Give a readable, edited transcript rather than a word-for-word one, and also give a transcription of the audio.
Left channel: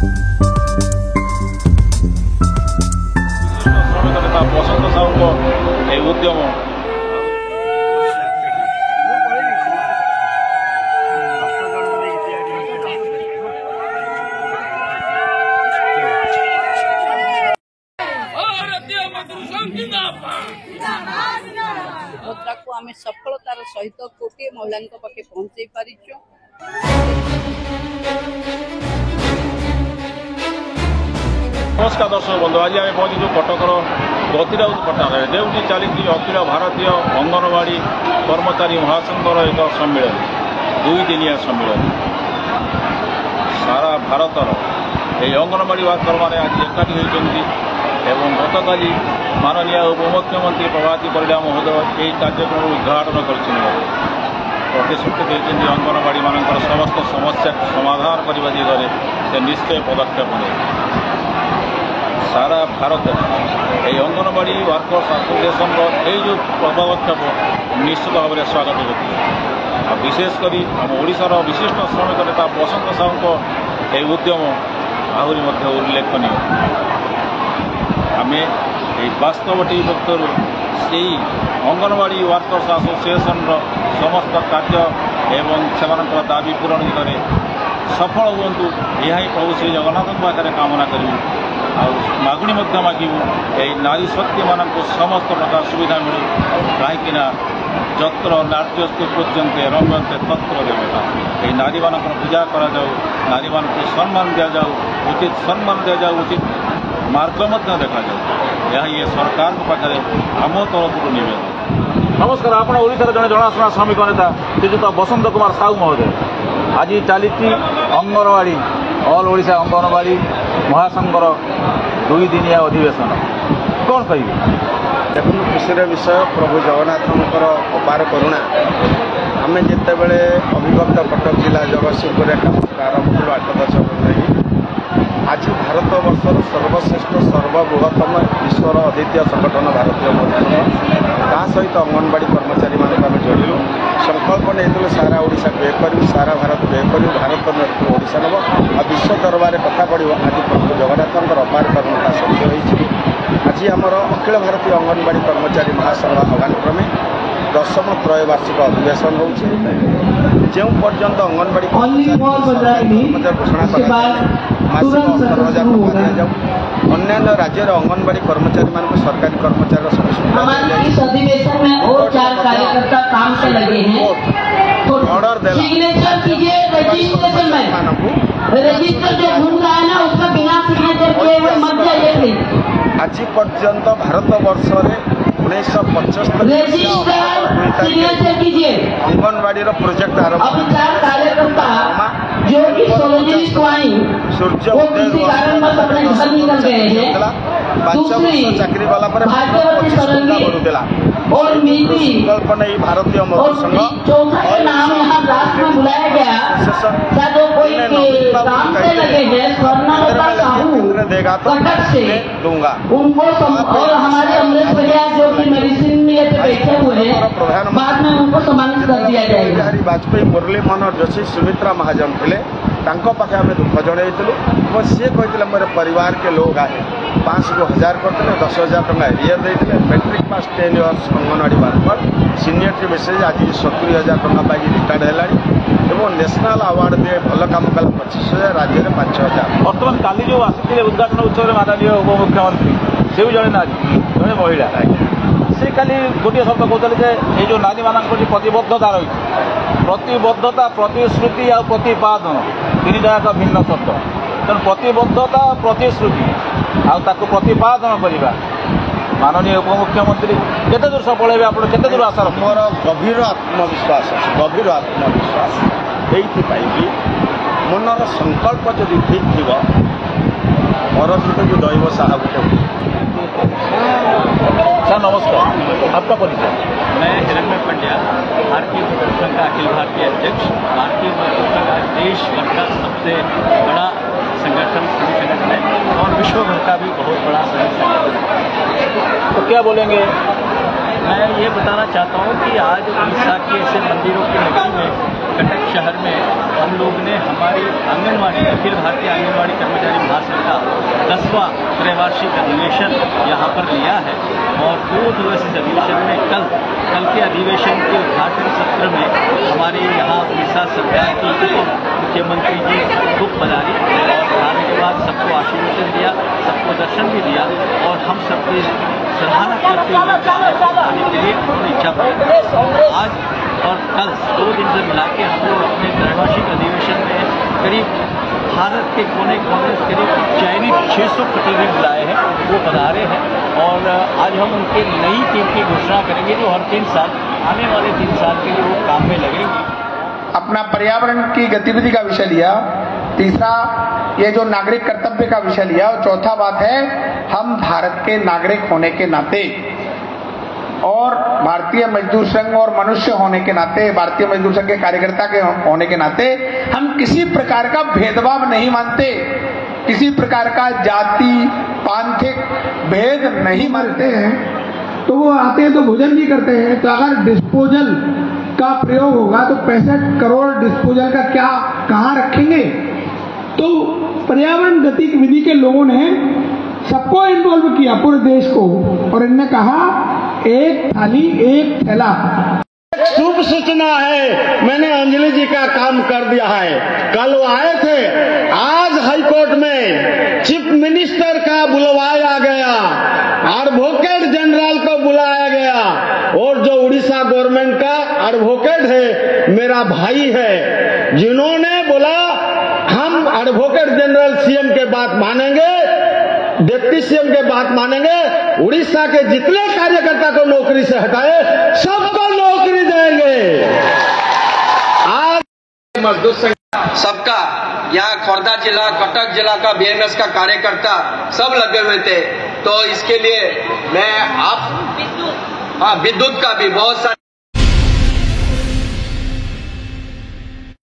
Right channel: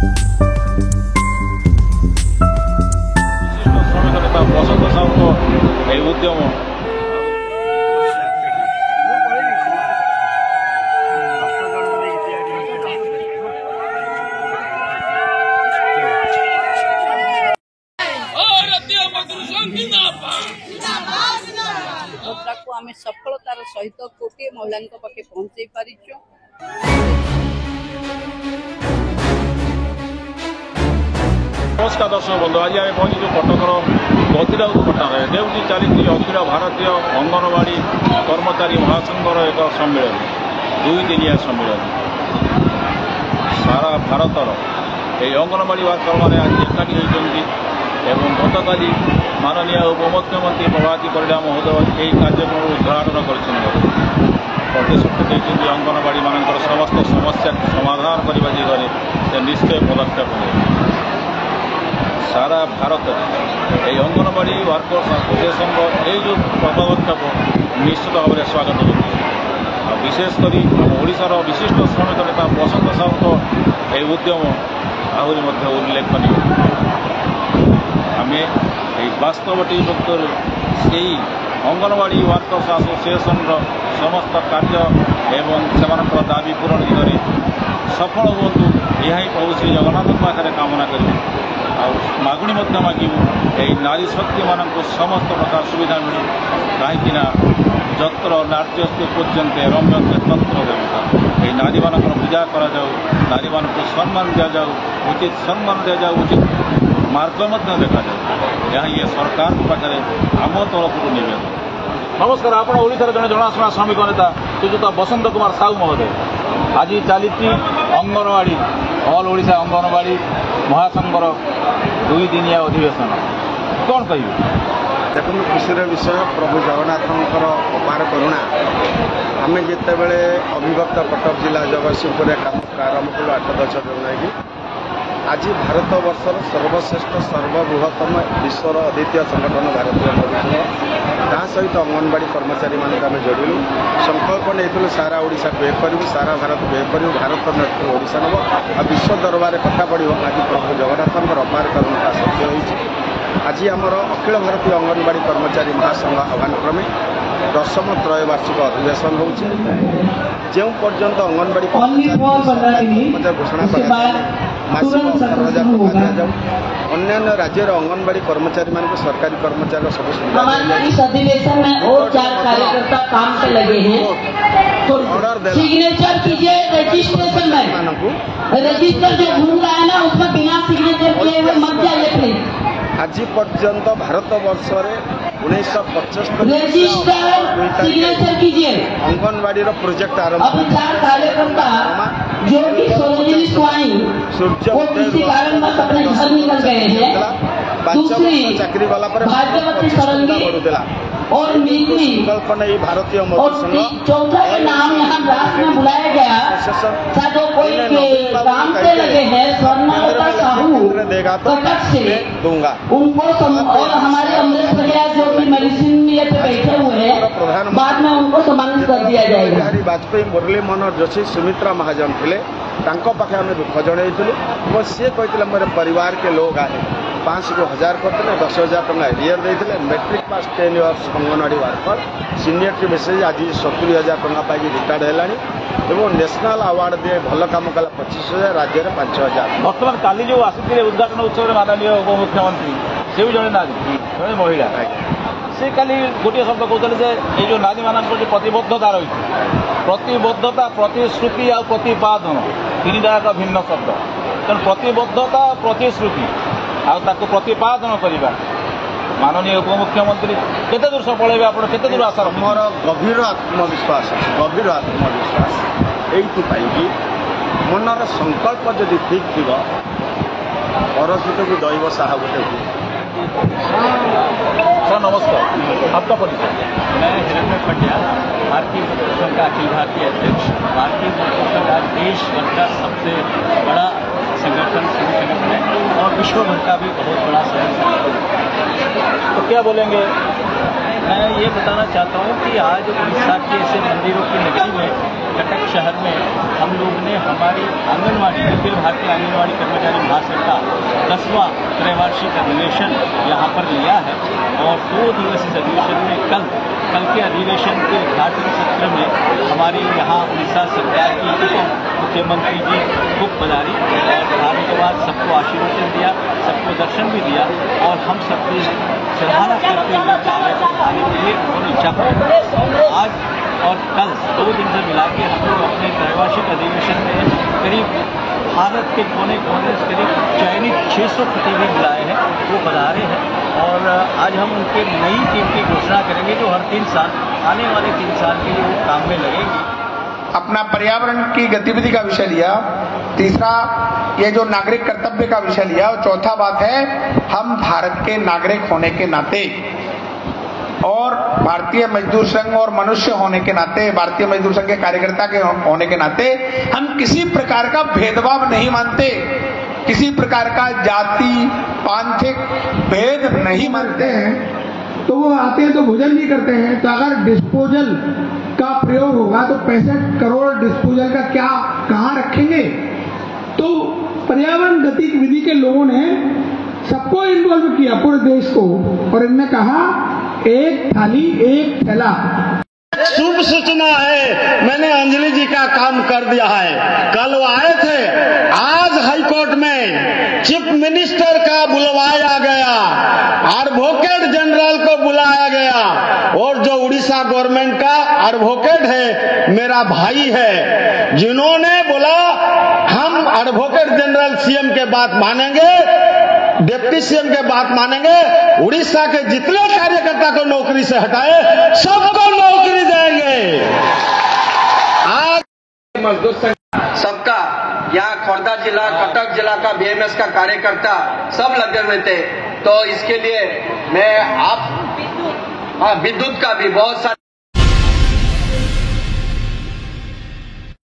श्रमिक नेता बसंत साहू उद्यम मुद्रा को आम सफलतार सहित कोटी महिला पाखे पहुंचाई पारिचु। नमस्कार दर्शक बंधु, आज आम पहुंचु कटकर गतिराउत पट्टार जो चली अखिल भारतीय अंगनवाड़ी कर्मचारी महासंघर एक सम्मेलन 2 दिनिया सम्मेलन। सारा भारतर ये अंगनवाड़ी वर्कर मैंने आज एकाठी होती एवं गतकाली माननीय उपमुख्यमंत्री प्रभाती परिडा महोदय यही कार्यक्रम उद्घाटन प्रतिश्रुति देते अंगनवाड़ी मान समस्त समस्या समाधान करने दिगरे से निश्चय पदक्षेप ने सारा भारत ये अंगनवाड़ी वर्कर्स एसोसिएशन जो पदक्षेप निश्चित भाव में स्वागत योग्य। विशेषकर आम ओडिशार विशिष्ट श्रमिक नेता बसंत साहू ये उद्यम आहरी उल्लेखनीय। आम वास्तव व्यक्तर से अंगनवाड़ी वर्कर्स एसोसिएशन समस्त कार्य एवं से दाबी पूरण दिगरे सफल हूँ यह प्रभु श्री जगन्नाथ पाखे कामना करूँ। मागुणी मागू यही नारी शक्ति मान समस्त प्रकार सुविधा मिलू कहीं जत्र नार्यस्तु पूज्यन्ते रम्यन्ते तंत्र देवता यही नारी मान पूजा करा नारी मान सम्मान दि जाऊ उचित सम्मान दि जाऊ उचित मार्ग देखा जाऊ यह ये सरकार पाखे आम तरफ नवेदन। नमस्कार, आप ओडिशार जड़े जनाशुना श्रमिक नेता श्रीजुत बसंत कुमार साहू महोदय आज चली अंगनवाड़ी ऑल ओडिशा अंगनवाड़ी महासंघर 2 दिनिया अधिवेशन कौन कह देखो खुशी विषय प्रभु जगन्नाथ अपार करुणा आम जिते बड़े अविभक्त कटक जिला जगतसिंहपुर आरंभ कलु 8-10 जन नहीं आज भारत वर्षर सर्वश्रेष्ठ सर्वबृहत्तम विश्वर अद्वितीय संगठन भारतीय मजदूर ता सहित अंगनवाड़ी कर्मचारी मानक आम जोड़िलु संकल्प नहीं सारा ओडिशा को एक करूँ सारा भारत को एक करूँ भारत नेतृत्व ओडिशा नब आ विश्व दरबार कथा पड़ो आज प्रभु जगन्नाथ अपार करुणा सत्य होती। आज आमर अखिल भारतीय अंगनवाड़ी कर्मचारी महासंघ आह्वान क्रमे 10म त्रैवार्षिक अधिवेशन होचे जो पर्यंत अंगनवाड़ी कर्मचारी घोषणा कर मासिक 18,000 टका दि जाऊ अन्य राज्य अंगनवाड़ी कर्मचारी मान सरकारी कर्मचारी सब सुविधा ऑर्डर देला आज पर्यंत भारत वर्ष 1975 अंगनवाड़ी प्रोजेक्ट आरंभ सूर्य उदय 5 वर्ष चाकरी गला 25 टका बढ़ुला संकल्प नहीं भारतीय मजदूर संघ नवीन बाबू कहते केंद्र में लगे केंद्र देगा तो मैं दूंगा। प्रधानमंत्री बिहारी वाजपेयी मुरली मनोहर जोशी सुमित्रा महाजन थे पाखे आम दुख जनइलु और सी कहते मेरे परिवार के लोग आए 500 को 1000 करते 10,000 टका एरियर देते matric pass 10 years anganwadi worker seniority basis आज 70,000 टका पाई रिटायर्ड है और नेशनल अवार्ड दिए भल कम कला 25,000 राज्य में 5,000। बर्तमान काली जो आसी उद्घाटन उत्सव में माननीय उपमुख्यमंत्री से जड़े नारी जड़े महिला से खाली गोटे शब्द कहते ये जो नारी मान प्रतिबद्धता रही प्रतिबद्धता प्रतिश्रुति आ प्रतिपादन 3टा एक भिन्न शब्द तेणु प्रतिबद्धता प्रतिश्रुति आपको प्रतिपादन करवा माननीय उपमुख्यमंत्री केते दूर सफल हे आप केते दूर आशा मोर गभीर आत्मविश्वास अच्छे गभीर आत्मविश्वास ये मनर संकल्प जदि ठीक थी परस्थित को दैव साहा गोटे सर नमस्कार, आपका परिचय? मैं हिरण्य पंड्या, भारतीय मजदूर संघ का अखिल भारतीय अध्यक्ष। भारतीय मजदूर संघ आज देश भर का सबसे बड़ा संगठन है और विश्व भर का भी बहुत बड़ा संगठन है। तो क्या बोलेंगे? मैं ये बताना चाहता हूँ कि आज उड़ीसा के ऐसे मंदिरों की नगरी में कटक शहर में हम लोग ने हमारी आंगनवाड़ी अखिल भारतीय आंगनवाड़ी कर्मचारी महासंघ का 10वां त्रैवार्षिक अधिवेशन यहाँ पर लिया है और 2 दिवसीय अधिवेशन में कल के अधिवेशन के उद्घाटन सत्र में हमारे यहाँ उड़ीसा सरकार की उप मुख्यमंत्री जी खूब पधारी और पधारने के बाद सबको आशीर्वचन दिया, सबको दर्शन भी दिया और हम सबकी सराहना करते हुए कार्य को बढ़ाने के लिए उन्होंने इच्छा प्रकट। आज और कल 2 दिन से मिला के हम लोग अपने त्रैवार्षिक अधिवेशन में करीब भारत के कोने कोने से करीब चयनित 600 प्रतिनिधि बुलाए हैं, वो पधारे हैं और आज हम उनके नई टीम की घोषणा करेंगे जो हर 3 साल आने वाले 3 साल के लिए वो काम में लगेंगी। अपना पर्यावरण की गतिविधि का विषय लिया, तीसरा ये जो नागरिक कर्तव्य का विषय लिया और चौथा बात है हम भारत के नागरिक होने के नाते और भारतीय मजदूर संघ और मनुष्य होने के नाते, भारतीय मजदूर संघ के कार्यकर्ता के होने के नाते हम किसी प्रकार का भेदभाव नहीं मानते, किसी प्रकार का जाति पांथिक भेद नहीं मानते हैं। तो वो आते हैं तो भोजन भी करते हैं। तो अगर डिस्पोजल का प्रयोग होगा तो 65 करोड़ डिस्पोजल का क्या कहाँ रखेंगे? तो पर्यावरण गतिविधि के लोगों ने सबको इन्वॉल्व किया, पूरे देश को, और इनने कहा एक थाली एक थैला। शुभ सूचना है, मैंने अंजलि जी का काम कर दिया है। कल वो आए थे, आज हाईकोर्ट में चीफ मिनिस्टर का बुलवाया गया, एडवोकेट जनरल को बुलाया गया और जो उड़ीसा गवर्नमेंट का एडवोकेट है मेरा भाई है, जिन्होंने बोला हम एडवोकेट जनरल सीएम के बात मानेंगे, डिप्टी सीएम के बात मानेंगे, उड़ीसा के जितने कार्यकर्ता को नौकरी से हटाए सबको नौकरी देंगे। आज मजदूर संघ सबका यहाँ खोर्धा जिला, कटक जिला का बीएमएस का कार्यकर्ता सब लगे हुए थे। तो इसके लिए मैं आप विद्युत का भी बहुत सारे